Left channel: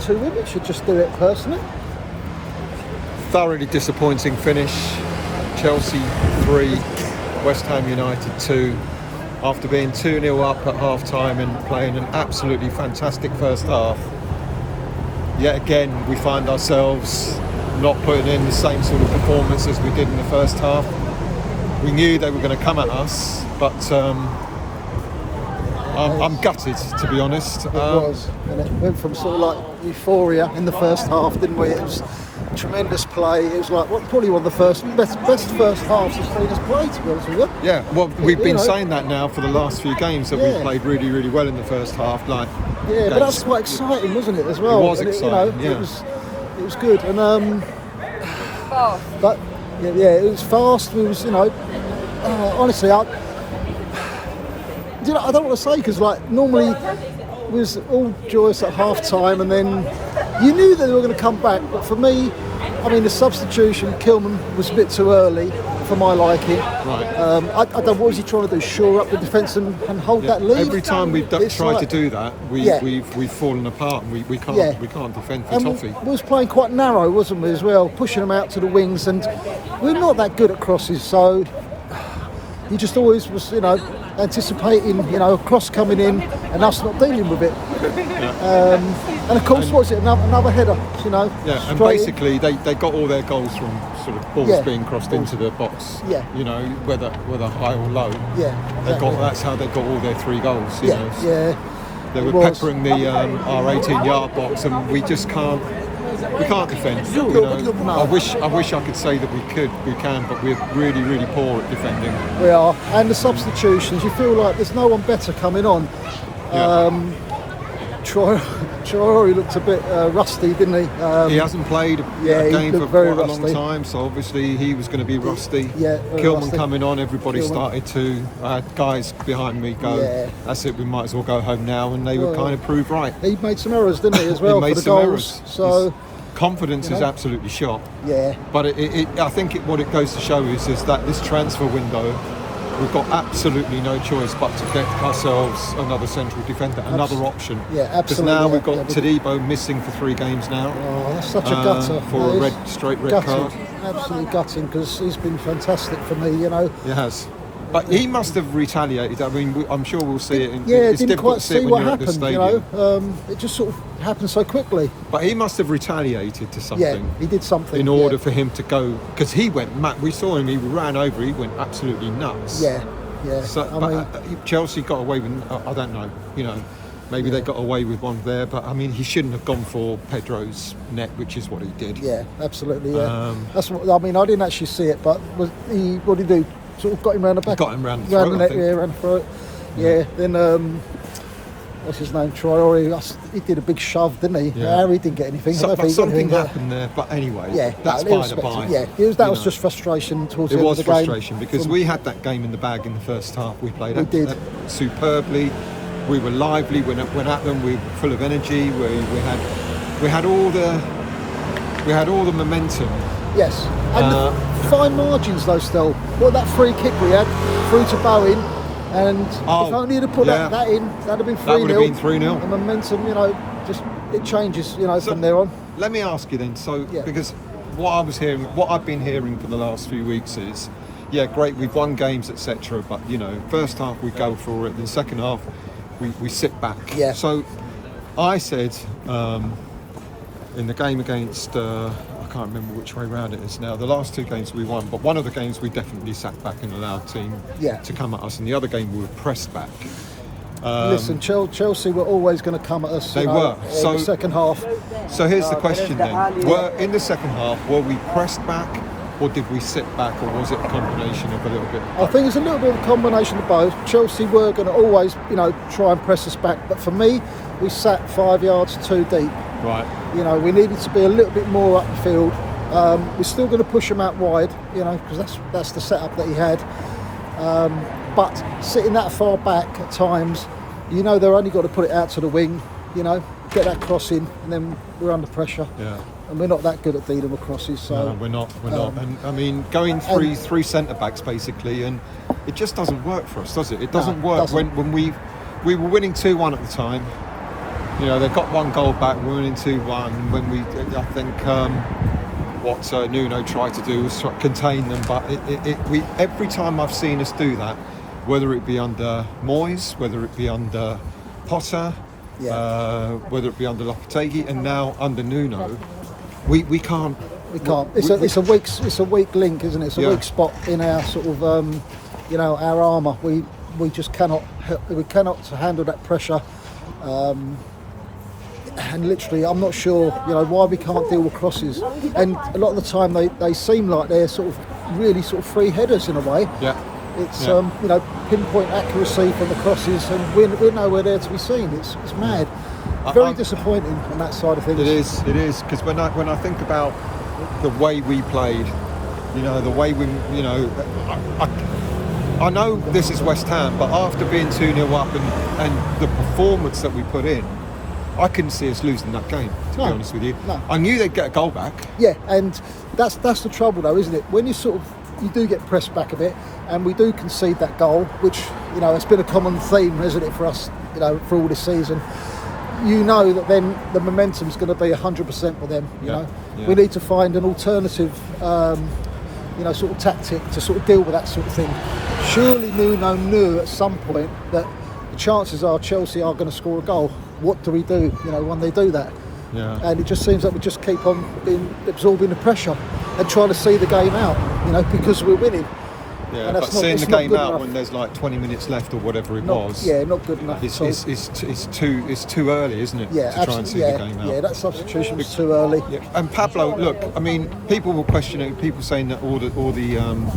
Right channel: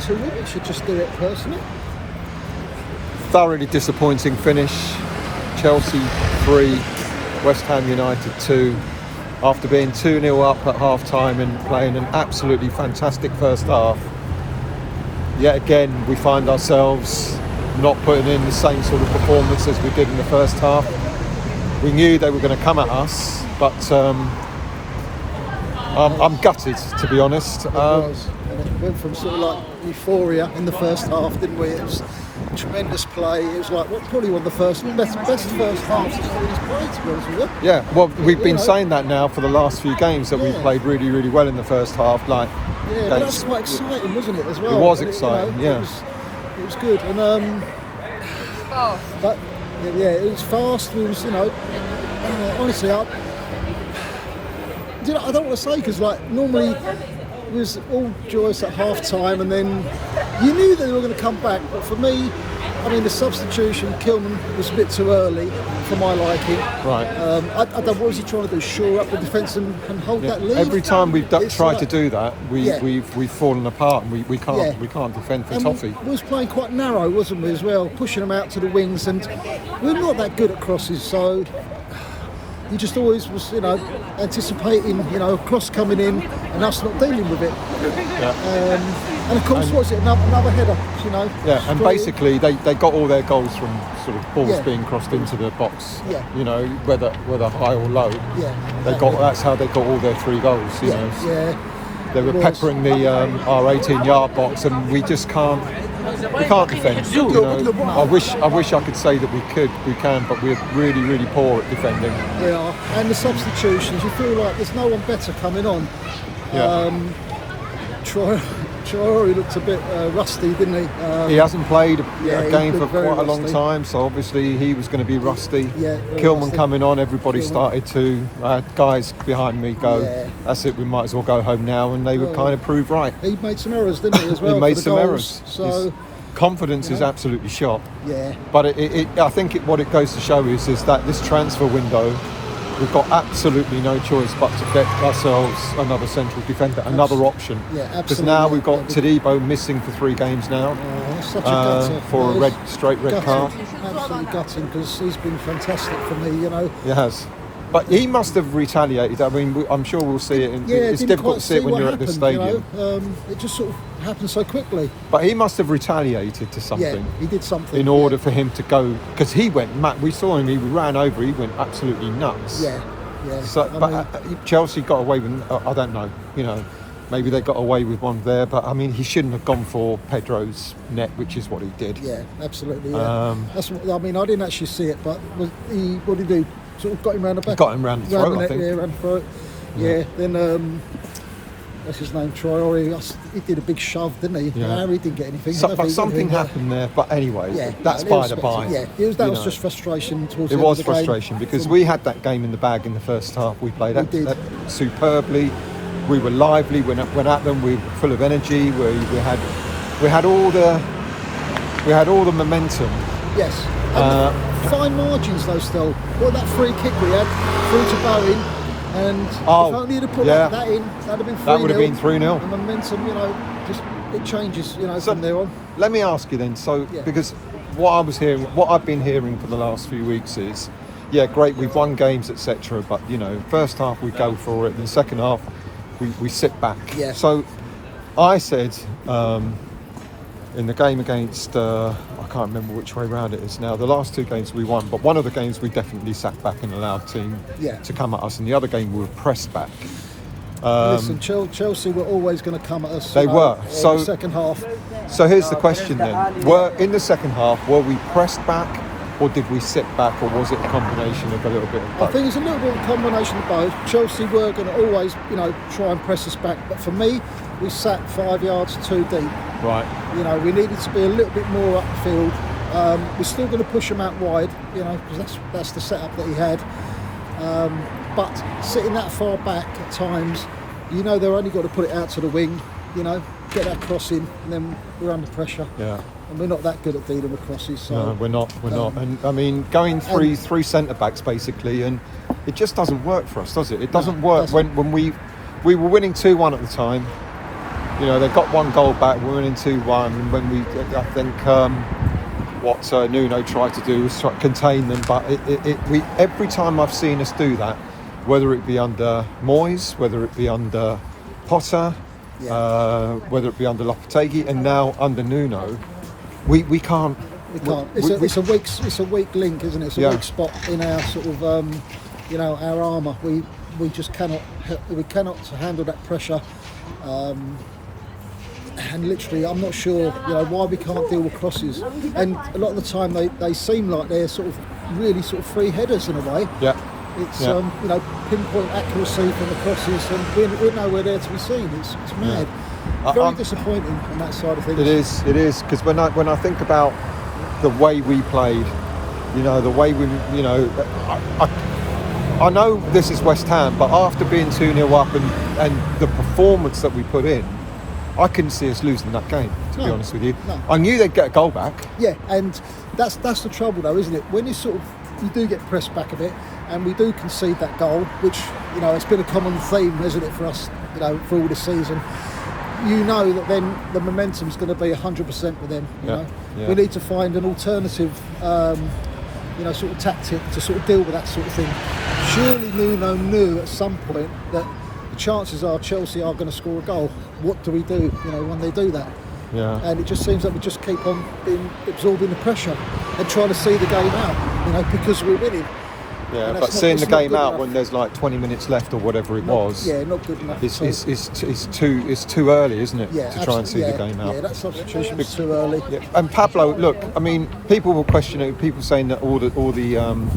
2 women should just do it personally. Thoroughly disappointing finish. Chelsea 3, West Ham United 2. After being 2-0 up at half-time and playing an absolutely fantastic first half, yet again we find ourselves not putting in the same sort of performance as we did in the first half. We knew they were going to come at us, but I'm gutted, to be honest. It was. And it went from sort of like euphoria in the first half, didn't we? It was tremendous play. It was like probably one of the best first halves I've seen us play, to be honest with you. Yeah, well, we've been saying that now for the last few games, that we played really, really well in the first half. But that was quite exciting, wasn't it, as well? It was exciting, It was good. And but it was fast. We was, honestly, I don't want to say, because normally it was all joyous at half time, and then you knew they were going to come back. But for me, the substitution, Kilman, was a bit too early for my liking. Right. I don't know, what was he trying to do? Shore up the defence and hold that lead? Every time we've tried to do that, we've fallen apart, and we can't defend for toffee. We was playing quite narrow, wasn't we, as well, pushing them out to the wings, and we're not that good at crosses, so you just always was, anticipating, a cross coming in and us not dealing with it. Yeah. And of course, what's it? Another header, Yeah, and basically they got all their goals from sort of balls being crossed into the box. Yeah. Whether high or low. Yeah. That's how they got all their 3 goals. Yeah. They were peppering the our 18-yard box, and we just can't. We can't defend. I wish I could say that we can, but we're really, really poor at defending. Yeah, and the substitutions, you feel like there's no one better coming on. Yeah. Traore looked a bit rusty, didn't he? He hasn't played a game for quite a long rusty. time, so obviously he was going to be rusty. Yeah, Kilman rusty. coming on, everybody started to guys behind me go, that's it, we might as well go home now, and they were kind of proved right. He made some errors, didn't he, as well? He made for the some goals. errors. So his confidence is absolutely shot. Yeah. But I think what it goes to show is that this transfer window, we've got absolutely no choice but to get ourselves another central defender, another option. Yeah, absolutely. Because now we've got Todibo missing for 3 games now. Oh, that's such a gutter. For a straight red card. Absolutely gutting, because he's been fantastic for me, He has. But he must have retaliated. I'm sure we'll see it. It's difficult to see it when you're at the stadium. It just sort of happened so quickly. But he must have retaliated to something. Yeah, he did something. In order for him to go, because he went mad. We saw him. He ran over. He went absolutely nuts. Yeah. So, Chelsea got away with. I don't know. Maybe they got away with one there. But he shouldn't have gone for Pedro's net, which is what he did. Yeah, absolutely. Yeah. That's what I didn't actually see it, but what did he do? Sort of got him round the back. Got him round the throat, I think. Yeah, round the throat. Yeah. Then what's his name? Troy. He did a big shove, didn't he? Yeah. Harry didn't get anything. But something happened there. But anyway, that's by the by. Yeah, that was just frustration towards the end of the game. It was frustration because we had that game in the bag in the first half. We played superbly. We were lively. Went at them. We were full of energy. We had all the momentum. Yes. And fine margins though still. What, that free kick we had, through to Bowen, and if only you'd have put that in, that'd have been 3-0. That would have been 3-0. The momentum, just it changes, from there on. Let me ask you then, because what I've been hearing for the last few weeks is, great, we've won games, etc. But first half we go for it, and the second half we sit back. Yeah. So I said in the game against I can't remember which way round it is now. The last 2 games we won, but one of the games we definitely sat back and allowed team to come at us, and the other game we were pressed back. Listen, Chelsea were always going to come at us. They were. So the second half. So here's the question then: in the second half, were we pressed back, or did we sit back, or was it a combination of a little bit of both? I think it's a little bit of a combination of both. Chelsea were going to always, try and press us back, but for me, we sat 5 yards too deep. Right. We needed to be a little bit more up the field. We're still going to push them out wide, because that's the setup that he had. But sitting that far back at times, they've only got to put it out to the wing, get that cross in, and then we're under pressure. Yeah. And we're not that good at dealing with crosses. So, no, we're not. And going three centre backs basically, and it just doesn't work for us, does it? It doesn't work when we were winning 2-1 at the time. You know, they got 1 goal back, we're winning 2-1, and when I think what Nuno tried to do was try to contain them, but we every time I've seen us do that, whether it be under Moyes, whether it be under Potter, whether it be under Lopetegui, and now under Nuno, we can't. We can't. It's a weak link, isn't it? It's a weak spot in our sort of our armour. We just cannot handle that pressure. And literally, I'm not sure, why we can't deal with crosses. And a lot of the time, they seem like they're sort of really sort of free headers in a way. Yeah. It's pinpoint accuracy from the crosses, and we're nowhere there to be seen. It's mad. Very disappointing on that side of things. It is because when I think about the way we played, the way we, I know this is West Ham, but after being 2-0 up and the performance that we put in, I couldn't see us losing that game, to be honest with you. No. I knew they'd get a goal back. Yeah, and that's the trouble though, isn't it? When you do get pressed back a bit, and we do concede that goal, which, it's been a common theme, isn't it, for us, for all the season. That then the momentum is going to be 100% with them. We need to find an alternative, sort of tactic to sort of deal with that sort of thing. Surely Nuno knew at some point that the chances are Chelsea are going to score a goal. What do we do, when they do that? Yeah. And it just seems like we just keep on absorbing the pressure and trying to see the game out, because we're winning. Yeah, but seeing the game out when there's like 20 minutes left or whatever it was. Yeah, not good enough. It's too early, isn't it? Yeah, to try and see the game out. Yeah, that substitution was too early. Yeah. And Pablo, look, I mean, people will question it. People saying that all the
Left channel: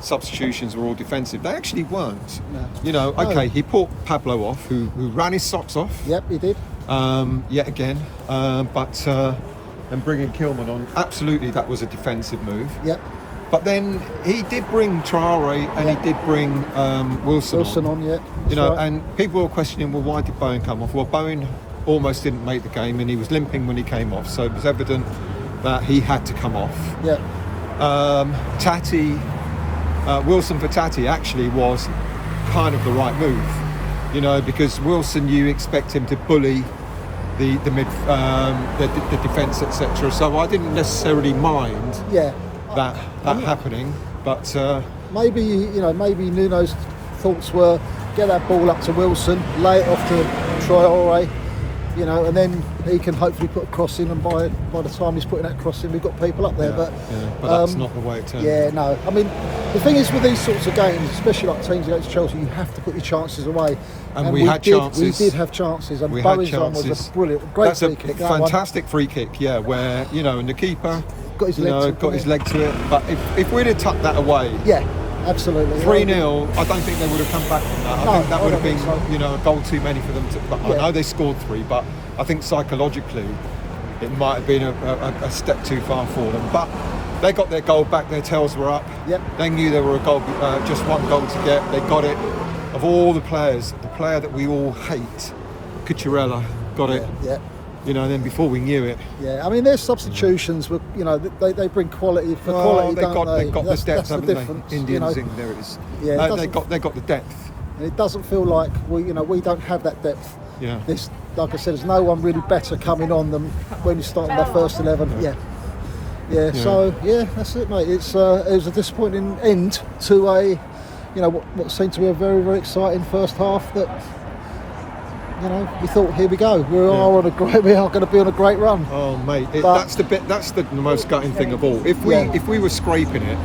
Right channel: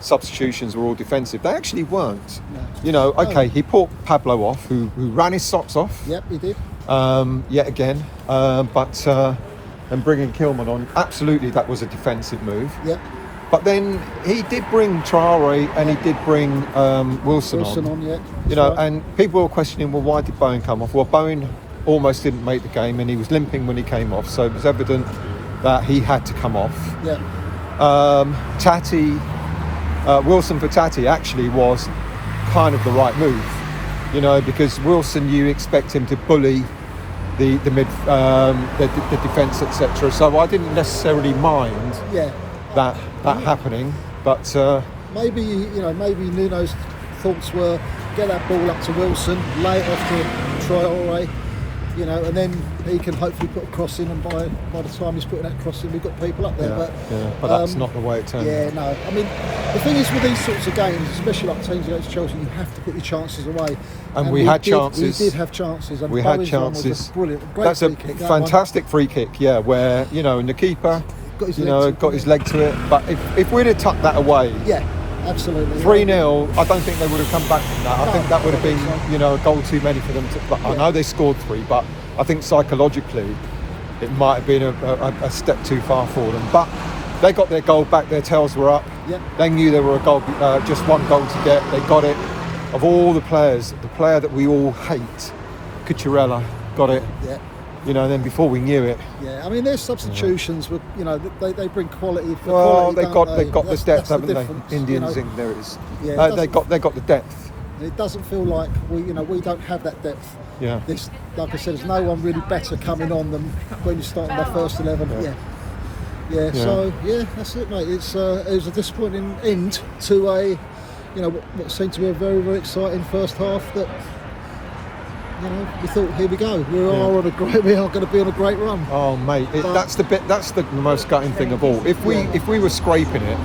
substitutions were all defensive. They actually weren't. No. Okay, he put Pablo off, who ran his socks off. Yep, he did. Yet again, but and bringing Kilman on, absolutely, that was a defensive move. Yep. But then he did bring Traore and he did bring Wilson on. Yeah. And people were questioning, well, why did Bowen come off? Well, Bowen almost didn't make the game and he was limping when he came off, so it was evident that he had to come off. Yeah. Wilson for Tati actually was kind of the right move, because Wilson, you expect him to bully the mid, the defence, etc. So I didn't necessarily mind. Yeah. That happening, but maybe Nuno's thoughts were get that ball up to Wilson, lay it off to Traore, and then he can hopefully put a cross in, and by the time he's putting that cross in, we've got people up there. But that's not the way it turns. Yeah, no. I mean, the thing is with these sorts of games, especially like teams against Chelsea, you have to put your chances away. And we had chances. We did have chances. And we Bowen's had one chances. was a brilliant, great free kick. That's a fantastic free kick, where and the keeper got his leg to it. But if we'd have tucked that away, absolutely. 3-0, I don't think they would have come back from that. I think that would have been, a goal too many for them. I know they scored 3, but I think psychologically it might have been a step too far for them. But they got their goal back, their tails were up. Yep. They knew there were just 1 goal to get. They got it. Of all the players, the player that we all hate, Cucurella, got it. Yeah. And then before we knew it. Yeah, I mean, their substitutions were, they bring quality for quality. They've got the depth, haven't they? Indians, there it is. Yeah, they got the depth. It doesn't feel like we don't have that depth. Yeah. Like I said, there's no one really better coming on than when we started our first 11. Yeah. So that's it, mate. It was a disappointing end to a, what seemed to be a very, very exciting first half that. We thought, here we go. We are going to be on a great run. Oh, mate, that's the most gutting thing of all. If we were scraping it,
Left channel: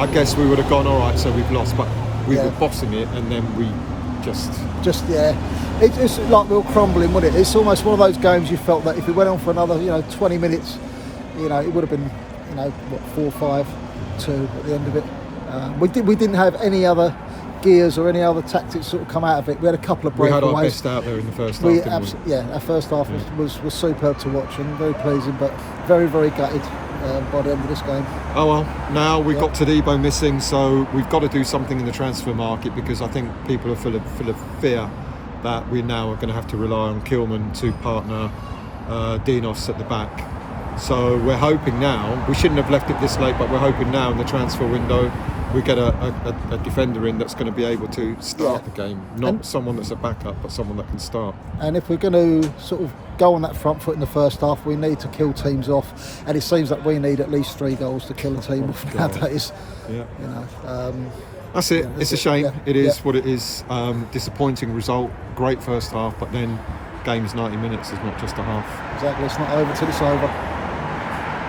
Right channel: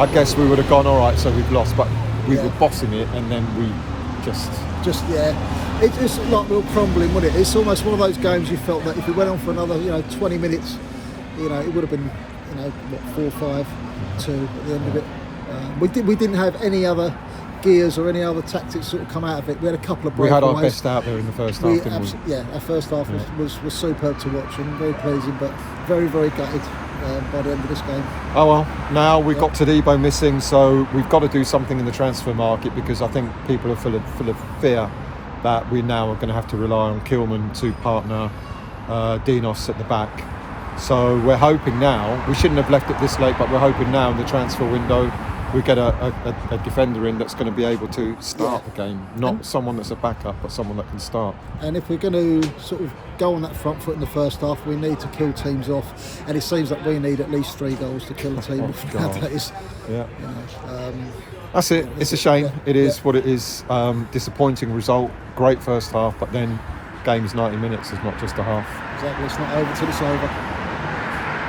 I guess we would have gone, all right, so we've lost. But we were bossing it, and then we just it's like we were crumbling, wasn't it? It's almost one of those games you felt that if we went on for another 20 minutes, it would have been 4-5-2 at the end of it. We didn't have any other gears or any other tactics sort of come out of it. We had a couple of breakaways. We had our best out there in the first half, didn't we? Yeah, our first half was superb to watch and very pleasing, but very, very gutted by the end of this game. Oh well, now we've got Todibo missing, so we've got to do something in the transfer market, because I think people are full of fear that we now are going to have to rely on Kilman to partner Dinos at the back. So we're hoping now, we shouldn't have left it this late, but we're hoping now in the transfer window we get a defender in that's going to be able to start the game, not someone that's a backup, but someone that can start. And if we're going to sort of go on that front foot in the first half, we need to kill teams off, and it seems like we need at least 3 goals to kill a team off nowadays. Yeah. You know, that's it. It's a shame. It is what it is. Disappointing result. Great first half, but then game's 90 minutes is not just a half. Exactly. It's not over till it's over.